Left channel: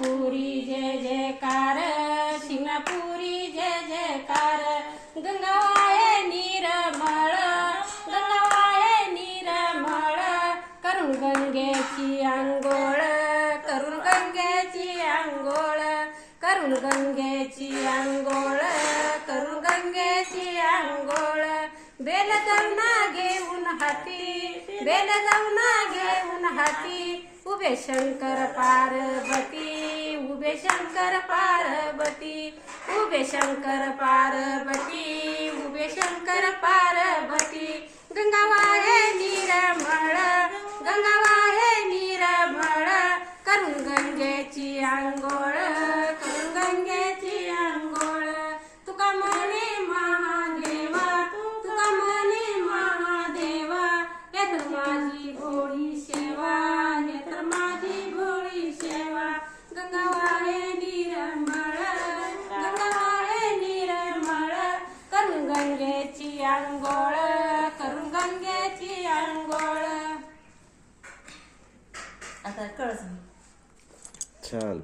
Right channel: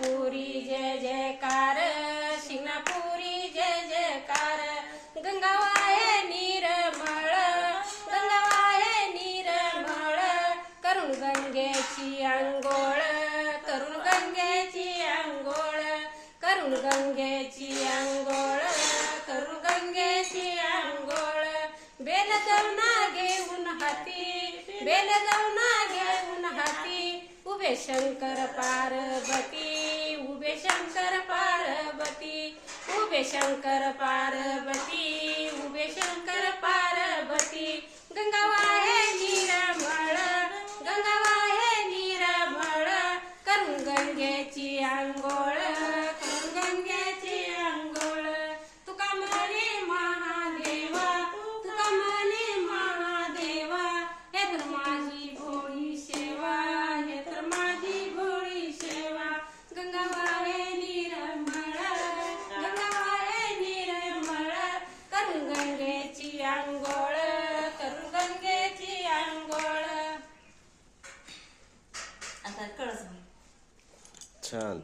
शिंगणापुरी जय जयकार, शिंगणापुरी जय जयकार. गंगावाये निर्मळ, गंगावाये निर्मळ, करून गंगेची अंघोळ, करून गंगेची अंघोळ, करून गंगेची अंघोळ, करून गंगेची अंघोळ. बेल जाऊना घेऊन हाती, बेल जाऊना घेऊन हाती, उभे शंकर पार्वती, उभे शंकर पार्वती, उभे शंकर पार्वती, उभे शंकर पार्वती. गंगावाहे निर्मळ, गंगावाहे निर्मळ, करून गंगेची अंघोळ, करून गंगेची अंघोळ. तुका म्हणे महादेवा, तुका म्हणे महादेवा, हे तर माझी भोळी सेवा, हे तर माझी भोळी सेवा. गंगावाहे निर्मळ, गंगावाहे निर्मळ, करून गंगेची अंघोळ, करून गंगेची अंघोळ. आता कळस मी छान.